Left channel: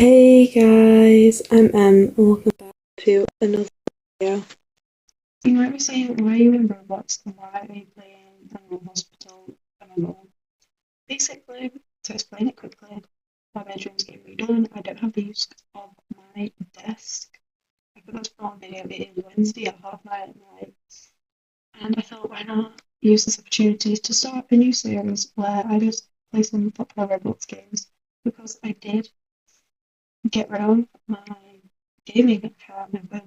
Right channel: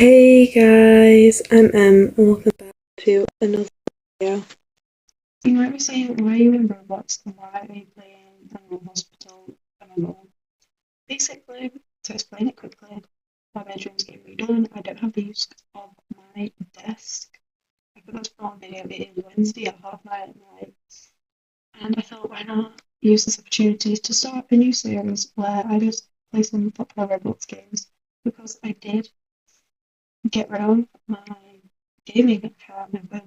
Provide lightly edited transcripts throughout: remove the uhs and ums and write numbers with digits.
Hey guys, I'm and welcome back to another video. You might be saying, why are you in Roblox and why are you playing Animal Hospital MMO? Basically, to explain it quickly, my bedroom's getting redone. I don't have the use of my desk. I forgot to put on video. It is Wednesday at 9:30 at night, and I thought, why not use this opportunity to start a new series where I just play some popular Roblox games because I did get rid of my gaming account and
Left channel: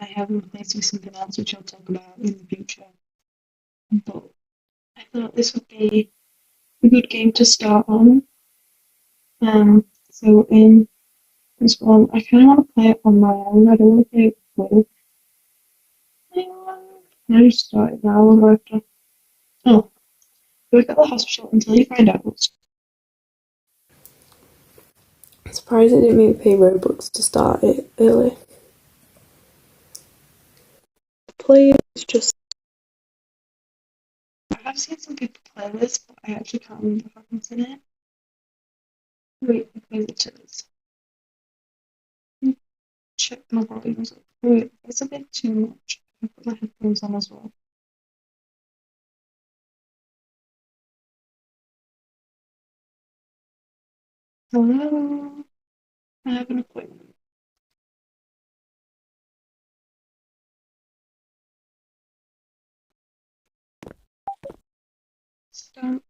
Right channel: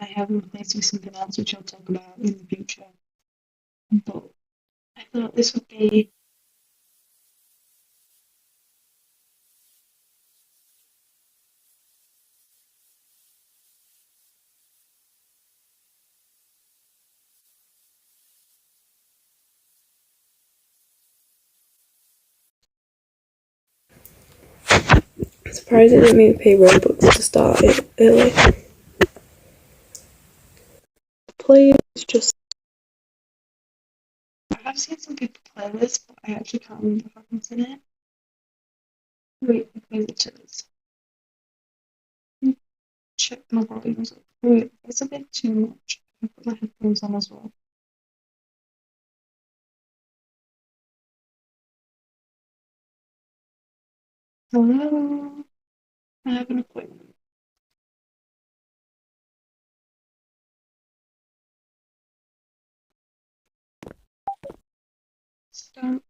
I have replaced with something else, which I'll talk about in the future. But I thought this would be a good game to start on. So in this one, I kind of want to play it on my own. I don't want to play it with anyone. I just started now. I'll have to. Oh, work at the hospital until you find out what's. I'm surprised it didn't make me pay Robux to start it early. Play is just I have seen some people play this, but I actually can't remember what happens in it. Wait, visitors. Check my volumes. Wait, it's a bit too much. I put my headphones on as well. Hello, I have an appointment. Stamp,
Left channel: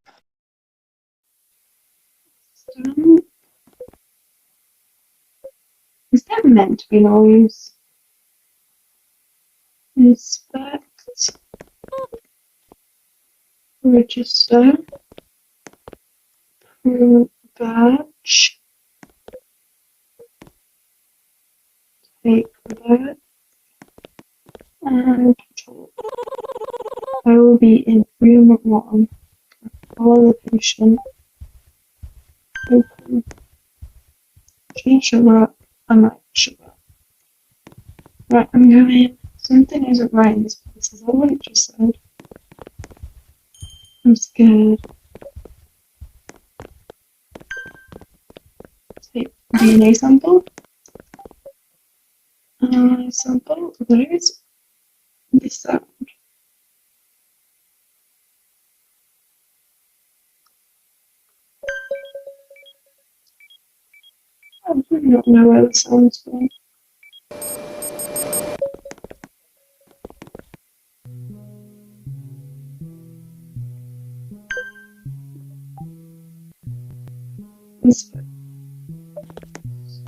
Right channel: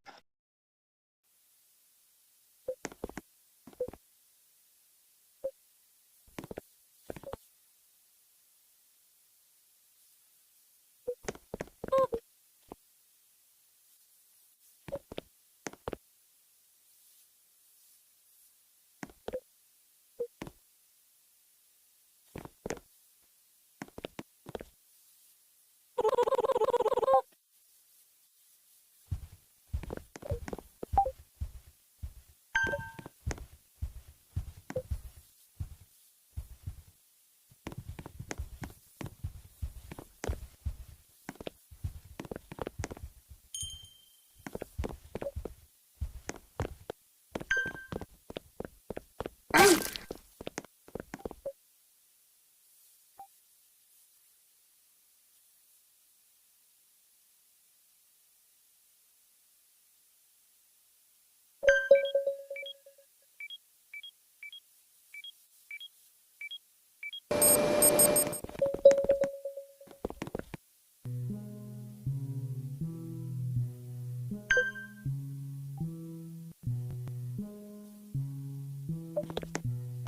stamp. Is that meant to be noise? Inspect, register, badge, take that, and control. I will be in room 1. Follow the patient. Open. Change sugar. I'm not sugar. Right, I'm going. Something isn't right in this place. Is that what it just said? I'm scared. Take DNA sample. Sample. Where is this sound? I do not know where the sound's from.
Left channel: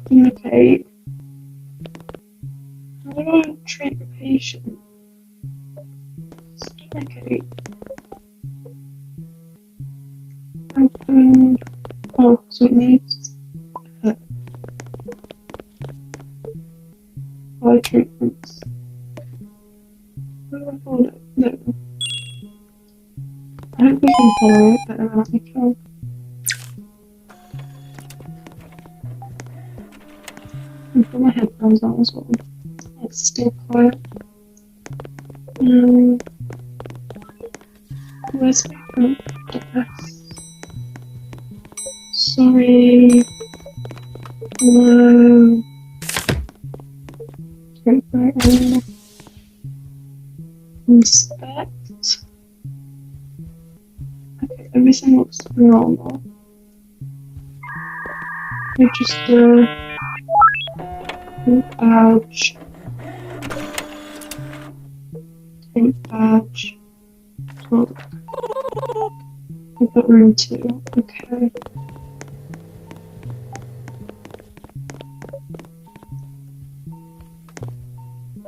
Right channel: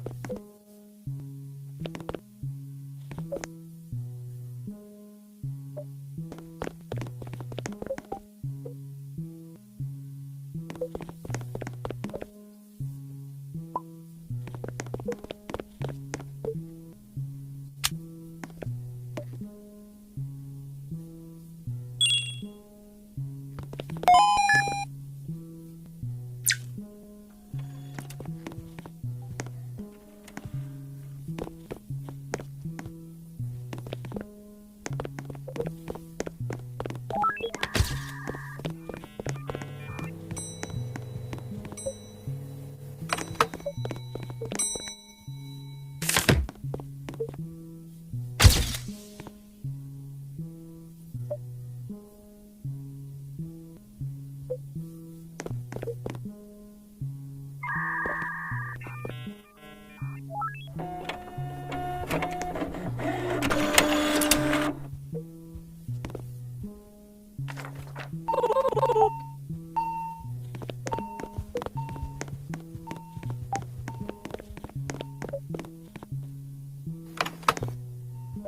Communicate. How do I treat the patient? Communicate. Open. Oh, so it needs eye treatments. Where do I hold it? No. I hope we can follow it better than I can. And put my headphones on as well. It's still quiet. Where's my front desk? Sorry. No. Take that in. Inspect. Okay, everything looks normal. Register. Ouch. Take badge. Oh, I've got room 2. Okay.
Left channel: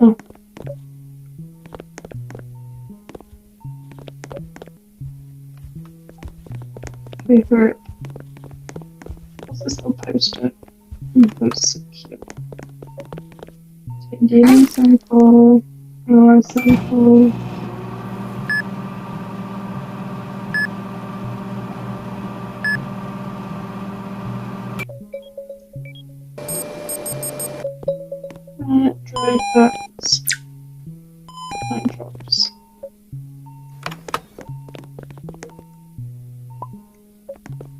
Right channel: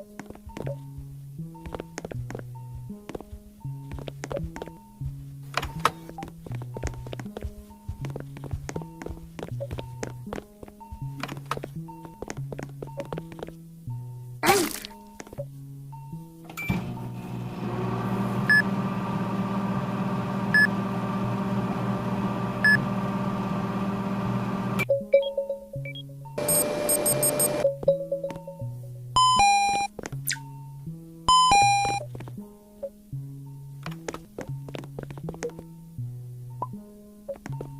Oh. Favorite. What's this little poster? Post so cute. Take DNA sample. Sample. Dry facts. Eye drops.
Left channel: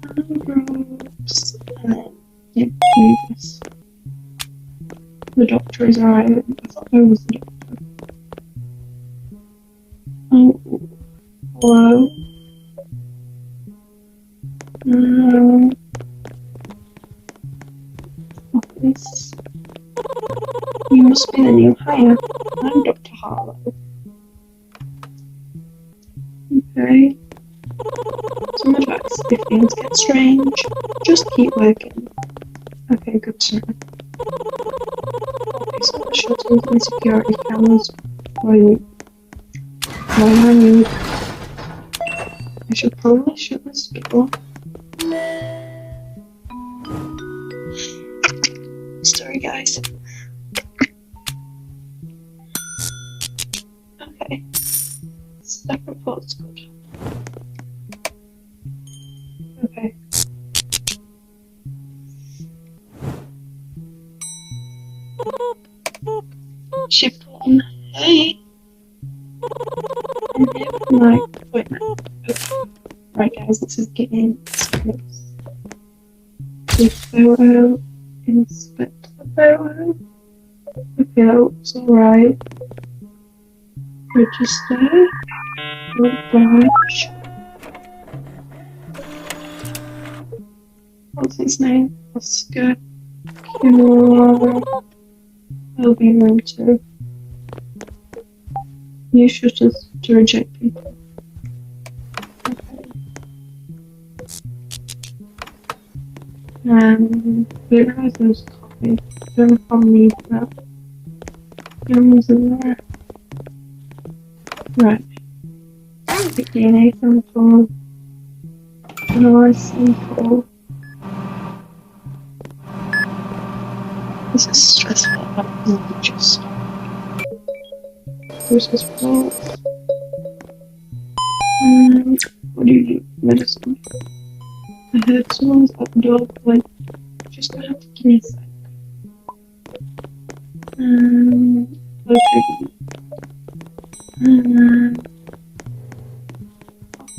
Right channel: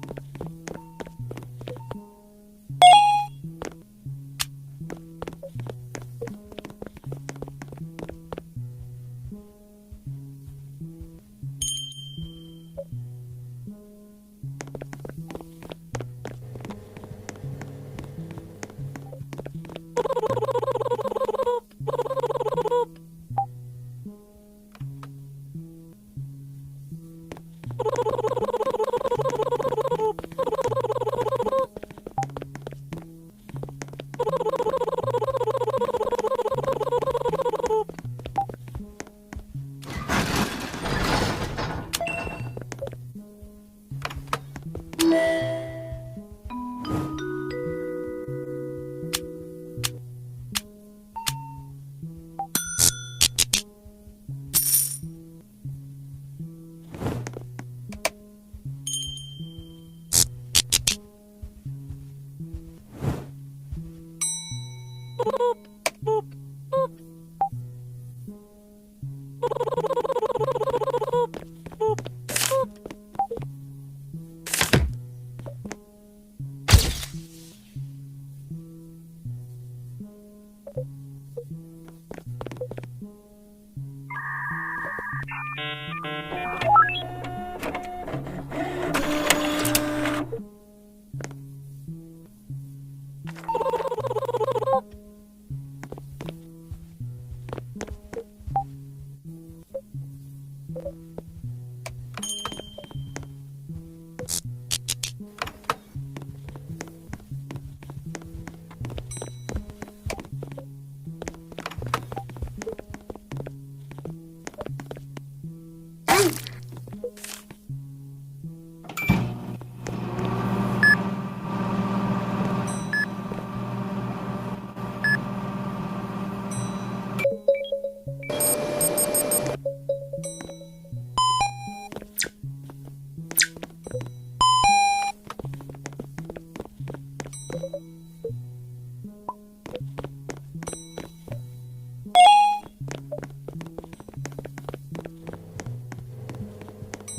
Eye drops. And then give me this. The doctor is alright. I thought I was the doctor. Oh, hello. Office. You must be the new hire. I'm Dr. Harlow. Okay. Some advice. If things get strange, just keep working. Okay, good to know. Okay, so the shuttles and security cameras. Why I need. I should probably shut this door. Sorry, guys. Okay. Staff report's good. Okay. Shift 1. Hey! Right, wait. Right, guys, this is getting serious. The photo. Inspect the photo. Okay, that looks alright. Register. Badge. What's his name? Oscar. Cure. He'll be room 2. Use shutters to reject people. Didn't realise there was a copy. Don't know if I'll need that. Guns in there. Right. Take DNA sample. Analyze sample. This is stressful. I'm just process reports. What do you need? Medicine. I heard someone's at the door, like, just gonna have to give me a sec. Okay.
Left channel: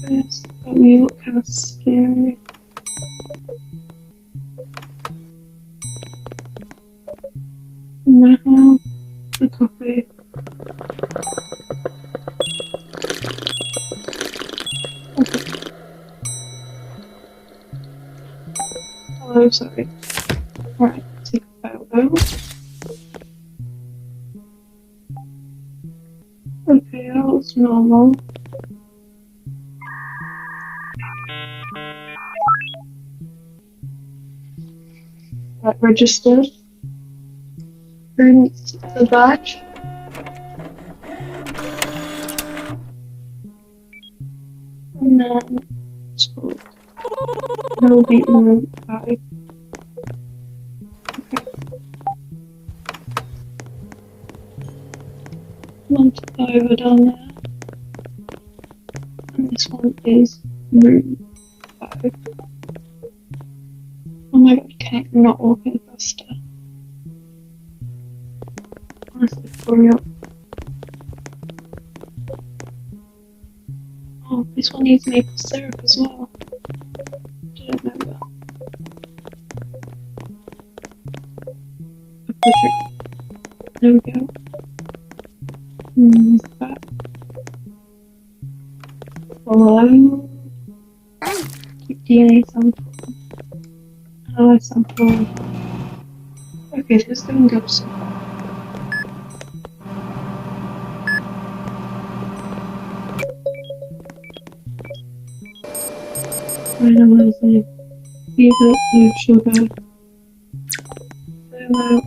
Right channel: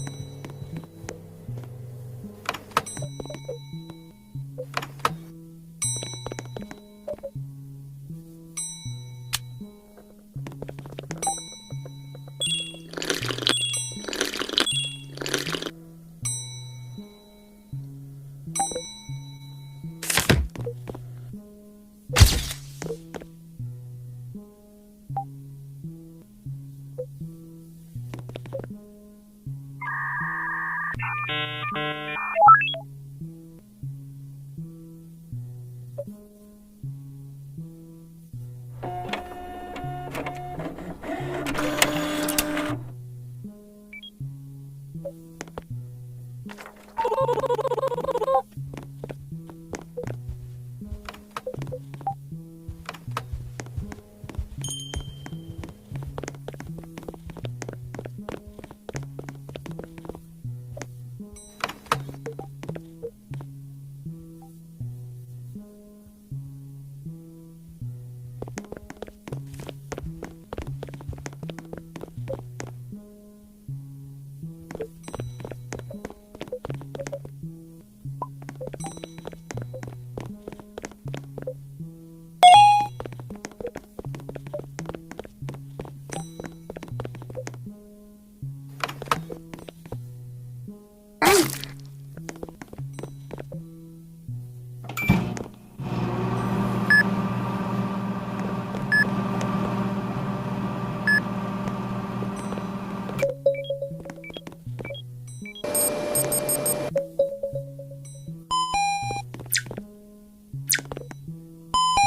Office. Let me look kind of scary. Now, the copy. Hello, sorry. Right, take a photo. Okay, that looks normal. Right, registered. Print the badge. And then spoke. No beat room 5. Okay. One to go over down there. And this one is room 5. Oh my god, can it not walk any faster? Honestly, hurry up. Oh, this one needs maple syrup as well. Didn't know that. There we go. That. Hello. Keep DNA sample. Analyze sample. Okay, so it's gonna go soon. Analyzing. Either blue sugar.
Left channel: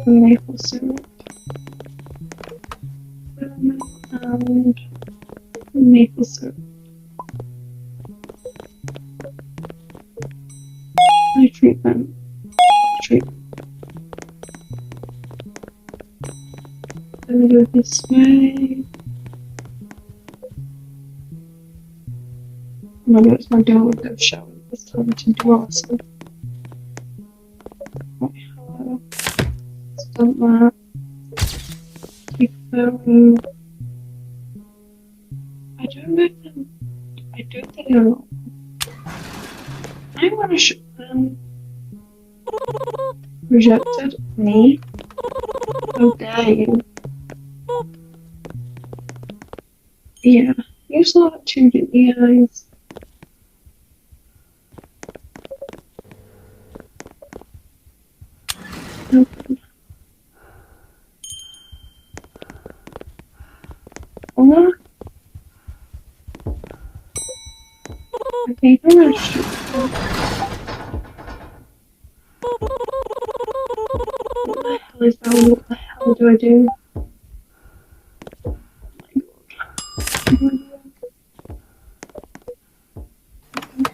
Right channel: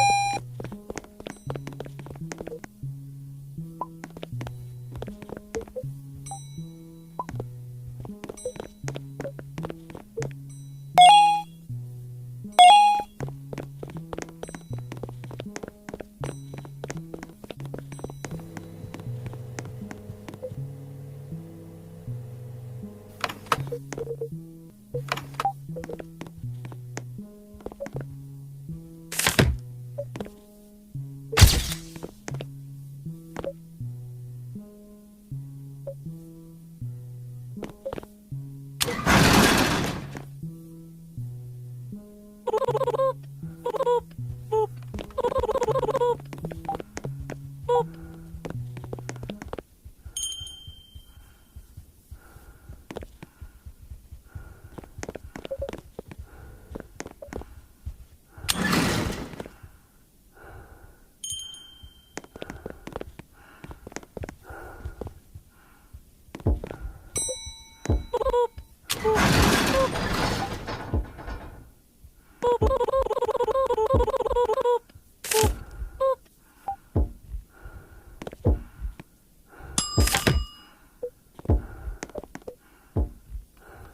Maple syrup. And maple syrup. My treatment. Let me go this way. Remember, it's my door window showing. It's time to do awesome. Right, hello. Let's dump that. Take a photo. I don't think I know. I want to show them. Rejected. Me. How dare you? Yeah, you saw that too, didn't you guys? Or okay, finish. What the hell do I do?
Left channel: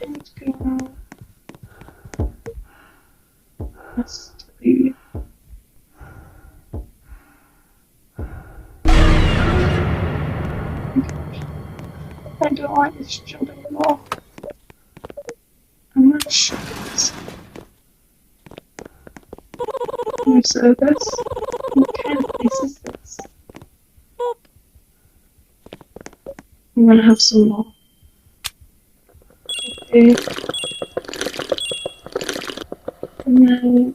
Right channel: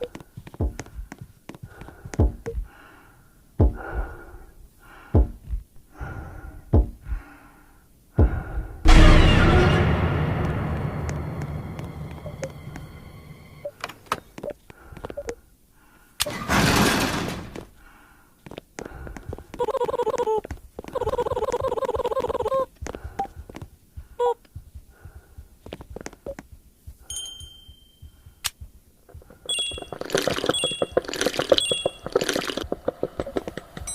Let's go. Let's do. I don't like this job anymore. I'm not sure. New service. What kind of place is this? I'm gonna have some more. Okay. And then.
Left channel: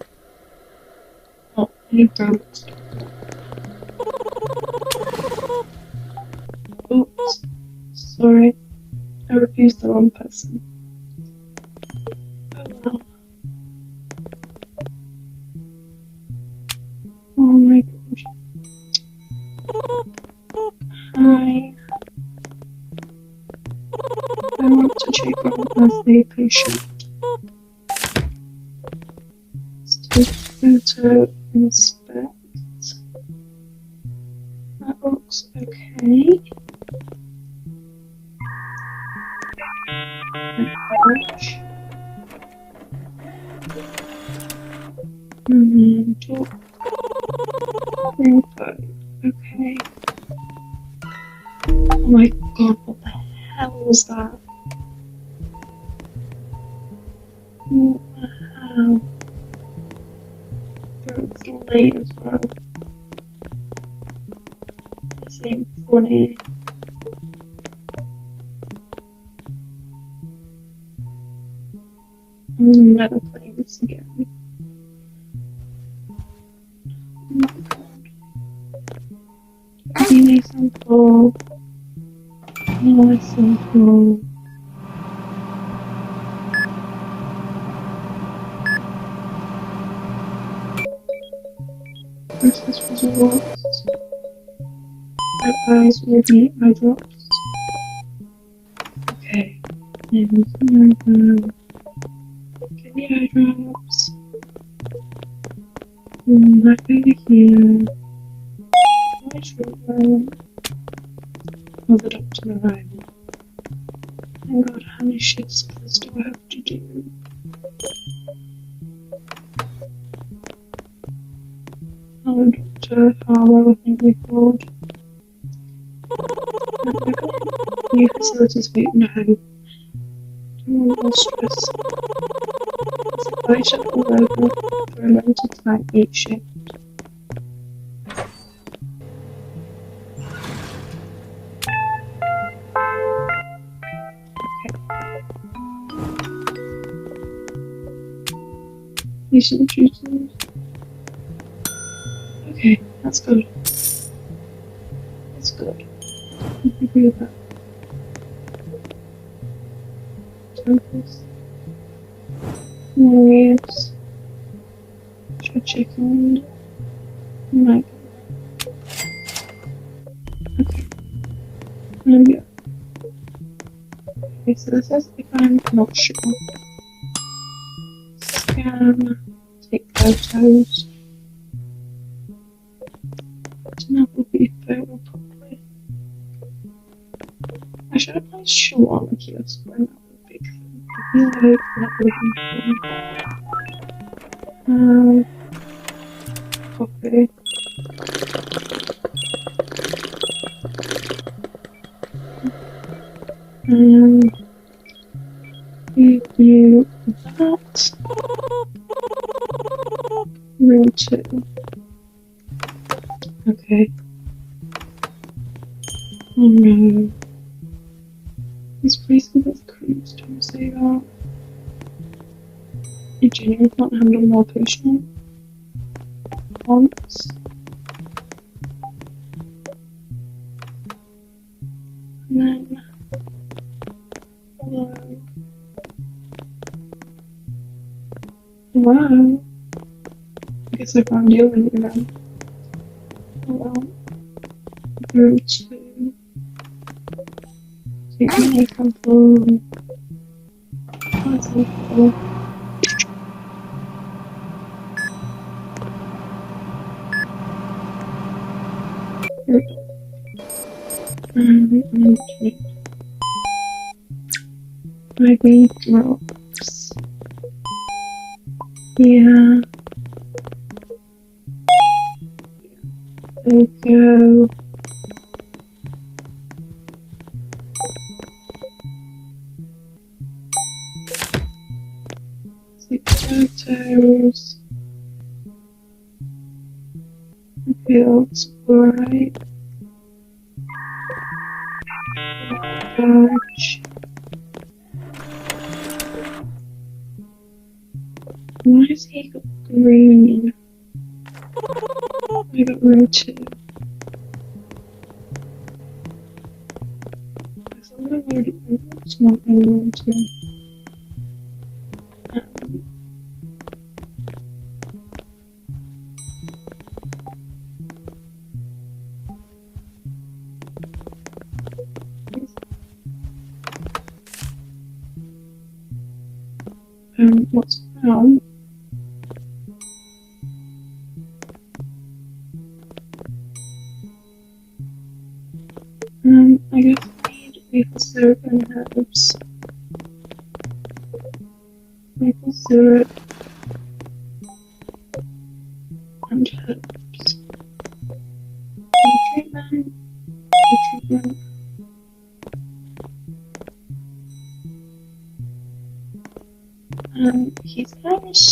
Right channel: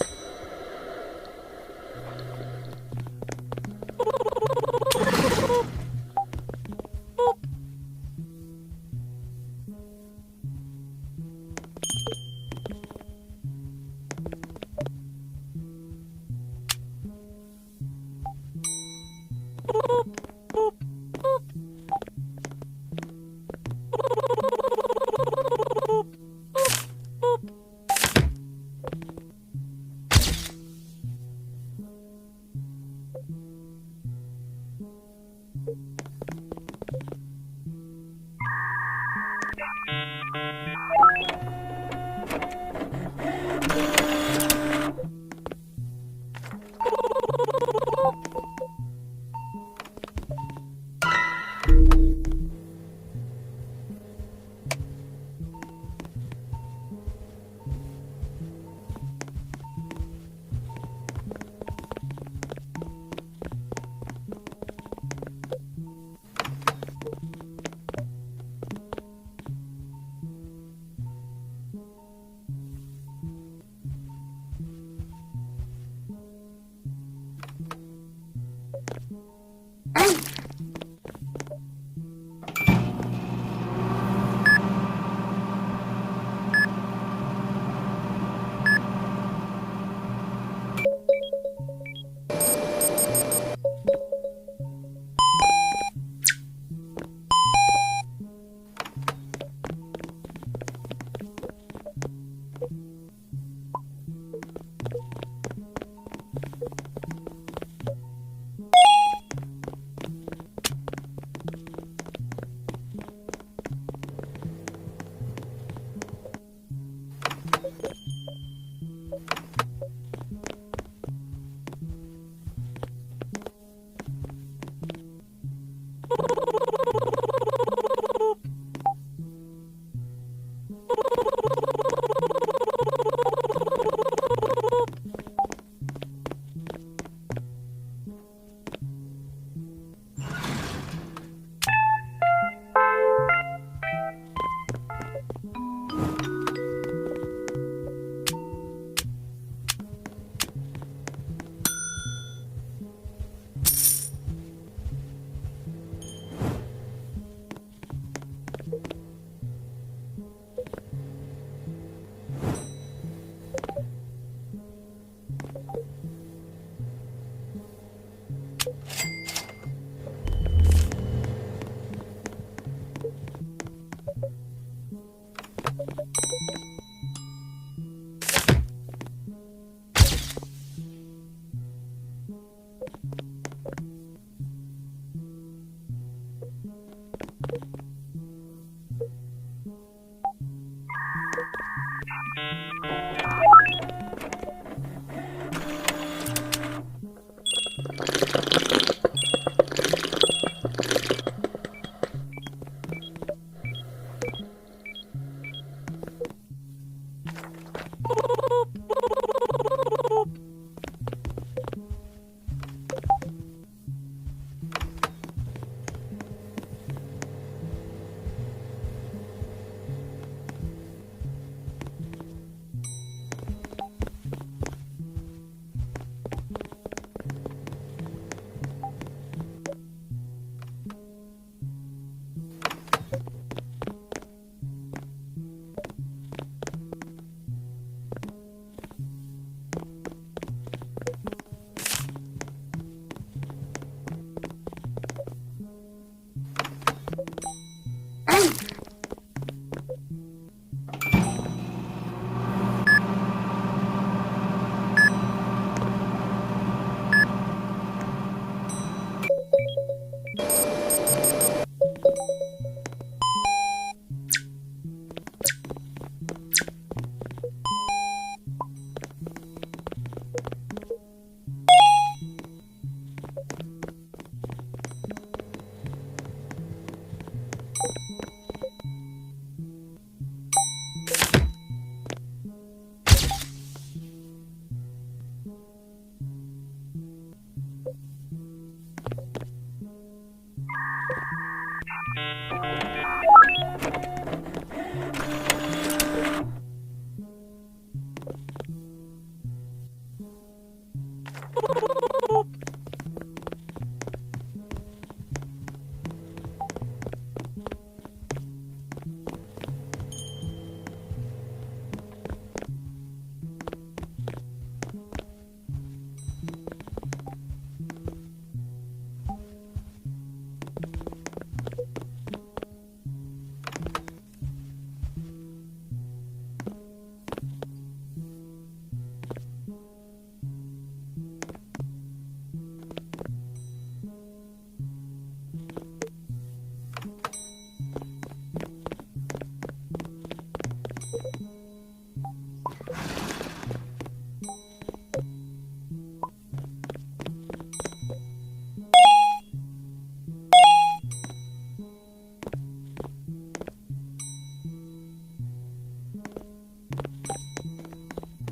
Oh, you broke. Oops. Sorry. I refused the wrong person. Oh well. Oh my gosh. Hi. I want to check on a birthday patient. Let's take photo inspect. That looks okay. And then talk. Okay. Oh my god, what the hell was that? What the hell? It's late as well. This ain't funny. I'm never playing this again. Oh my god. Give me some cool. Give me some cool. This is results. My eyes will be eye drops. Okay. And get the eye drops. Back over here. Move it up to the right. Oh god, how many shifts do I have to do? Oh, Dr. Harlow, I think we called. New facilities week, no. More stress. I should all over for a limited time each shift. Patient duties. Okay, that's good. That's good. I'm happy with that. Focus. Warriors. Should check on. Right. There we go. Okay, so this says if I'm not sure. Scan. Take photos. Now will be photo properly. I should have placed shoe on the kiosk when that would be true. I feel like that would be true. Okay. Give you that. Row 2. Okay. Oh no. These places with crews don't say that. You genuinely can't handle more patient once. Wow. I guess I can't deal with it then. Oh well. Room 2. So you can make a room. That's helpful. I need drops. Yeah. There we go. Six photos. Okay, looks bright. Large. Why does he got green? I got room 2. It's not really room 2. What's now? I guess I need maple syrup and herbs. Maple syrup and herbs. Treatment. Treatment. He's house.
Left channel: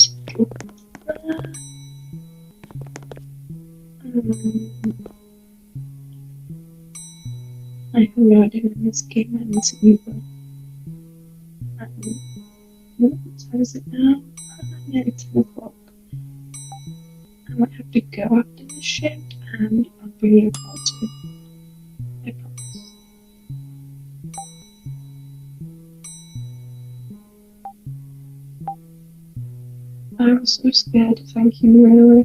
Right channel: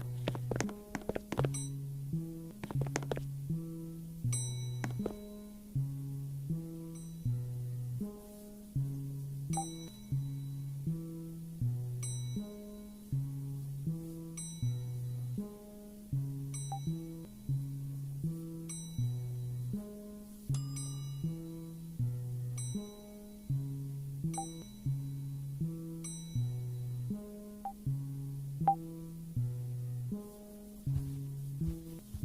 I have no idea in this game. I need to move on. What time is it now? Nearly 10 o'clock. I might have to go after the shift and I'll bring you a party. I promise. I was so scared, thank you, really.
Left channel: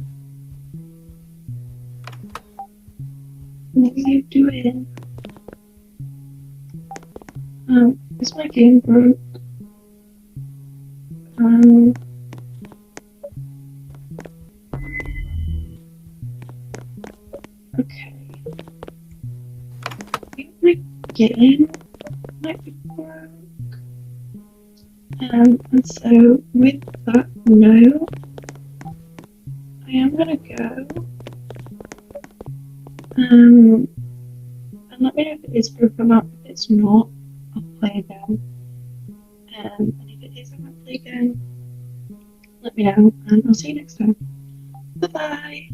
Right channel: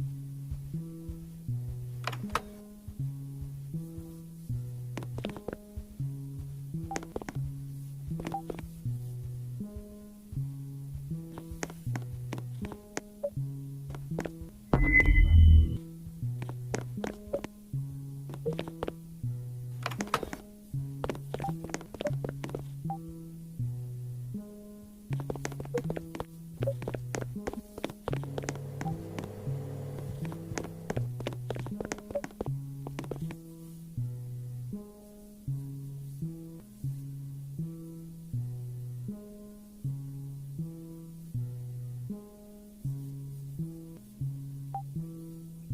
What are you doing? Is my game broke? Okay. I think my game might be broke. And so with that note, I am gonna go. And let me know if it is broke or not. If it's not, I'll play again. And if it is, I might play again. Let me know, and I'll see you next time. Bye bye.